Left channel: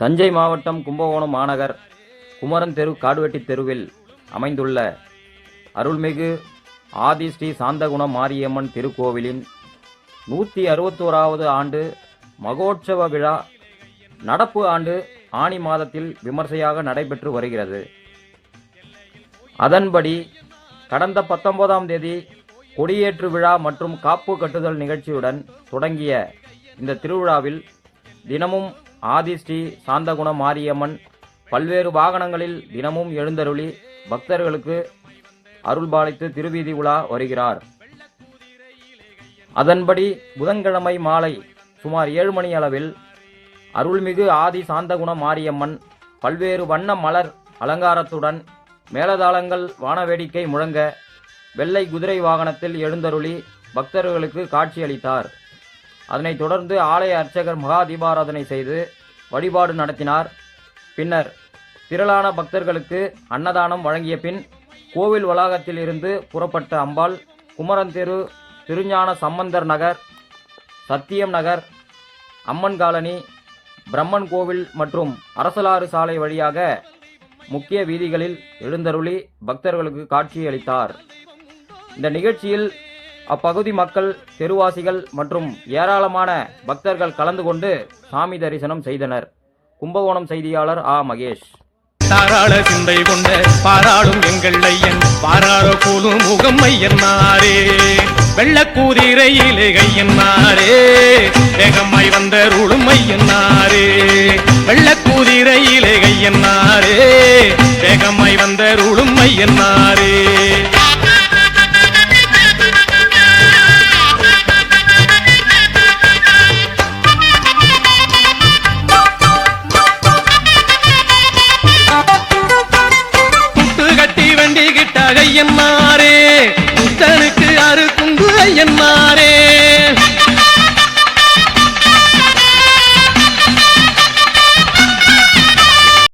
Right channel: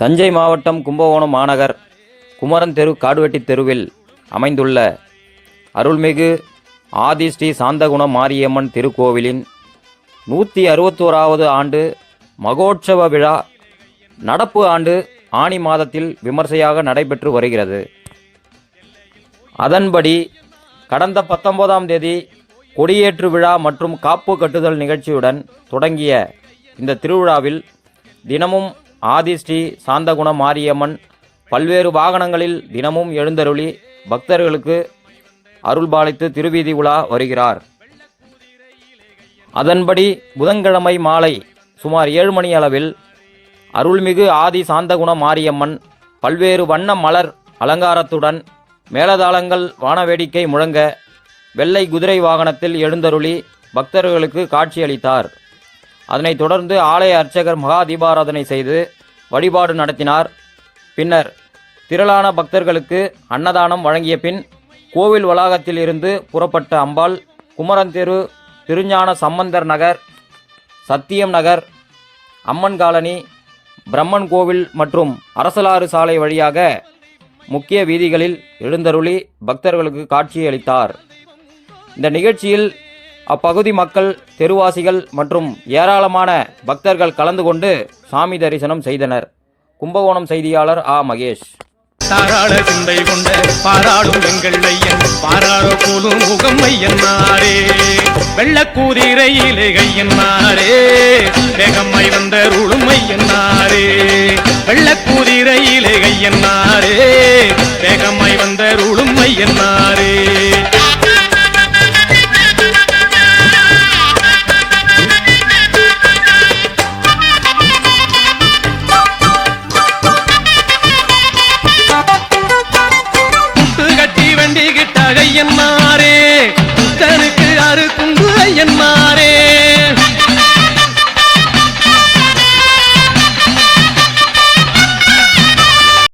தஞ்சை மாவட்டம் கும்பகோணம் மாநகர் குமரன் தெரு காடுவெட்டி தெருவில் அமைந்துள்ள அருள்மிகு ஆதி ஸ்ரீ சாந்தகுண மாரியம்மன் திருக்கோவிலின் 161வது ஆண்டு மகோற்சவ விழா நடப்பு ஆண்டு ஆனி மாதத்தில் விமர்சையாக நடைபெற்று வருகிறது. அதன்படி கடந்த 19ஆம் தேதி கொடியேற்று விழா மற்றும் காப்பு கட்டுதல் நிகழ்ச்சியுடன் தொடங்கிய இந்த திருவிழாவில் தினமும் ஆதி ஸ்ரீ சாந்தகுண மாரியம்மன் பல்வேறு வாகனங்களில் தினமும் எழுந்தருளி பக்தர்களுக்கு அருள்பாலித்து திருவீதி உலா வருகிறார். அதன்படி புதன்கிழமை மாலை சுமார் 7 மணி அளவில் அருள்மிகு ஆதி சாந்தகுண மாரியம்மன் பல்வேறு வண்ண மலர் அலங்காரத்துடன் மேளதாளங்கள் வானவேடிக்கை முழங்க வெள்ளை குதிரை வாகனத்தில் எழுந்தருளி பக்தர்களுக்கு காட்சியளித்தார். அதனைத் தொடர்ந்து ஆலய அர்ச்சகர் மகா தீபாராதனை செய்து வழிபாடு நடத்தினார். பின்னர் திரளான பக்தர்களுக்கு அன்னதானம் வழங்கிய பின் கோவில் வளாகத்தில் இருந்து புறப்பட்ட அம்பாள் குமரன் தெரு, திருஞான சம்பந்தர் நகர், சத்தியம் நகர், அம்மன் காலனி, பிரம்மன் கோவில் மற்றும் அரசலாறு சாலை வழியாக முக்கிய வீதிகளில் எழுந்தருளி பக்தர்களுக்கு காட்சியளித்தார். இந்த நிகழ்ச்சியில் அப்பகுதி மக்கள், தெருவாசிகள் மற்றும் ஏராளமான பக்தர்கள் கலந்து கொண்டு சாமி தரிசனம் செய்தனர். கும்பகோணம் செய்தியாளர் ஆ. மகேஷ். தாராள சிந்தை கொண்ட பாராளும் எங்கள் ஐயன் பாராள கூலும் முகம் ஐயன்னாரே, வெள்ளக்கூதிரையிலே கையன்னாரே, வேகமாய் வந்த ருளும் ஐயன்னாரே, வெள்ளக்கூதிரையிலே கையன்னாரே, வேகமாய் வந்த ருளும் ஐயன்னாரே. ஐயன்னாரே, புத்தனுக்கு அறு குண்டு ஐயன்னாரே,